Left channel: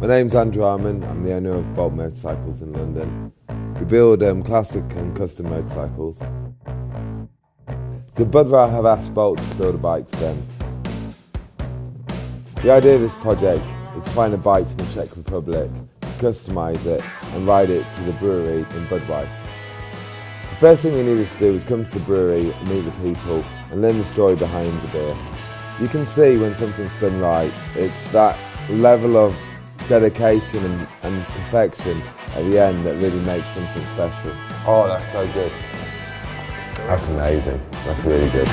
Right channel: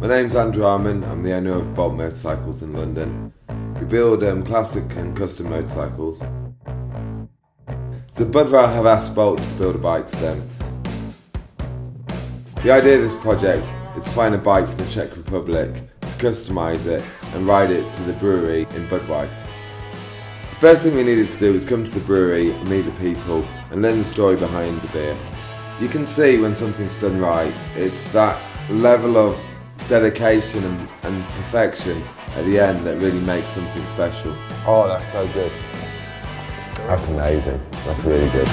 My name's Andrew Harmon, I'm the owner of Bolt Motorcycles in London. We build classic and custom motorcycles. So Budvar have asked Bolt to build a bike for them. The idea of this project is to find a bike from the Czech Republic, to customise it and ride it to the brewery in Budweis. The first thing we needed to do was come to the brewery and meet the people and learn the story behind the beer. You can see when something's done right, it's that level of dedication and perfection at the end that really makes something special. Oh, that's so good. That's amazing. That's really good.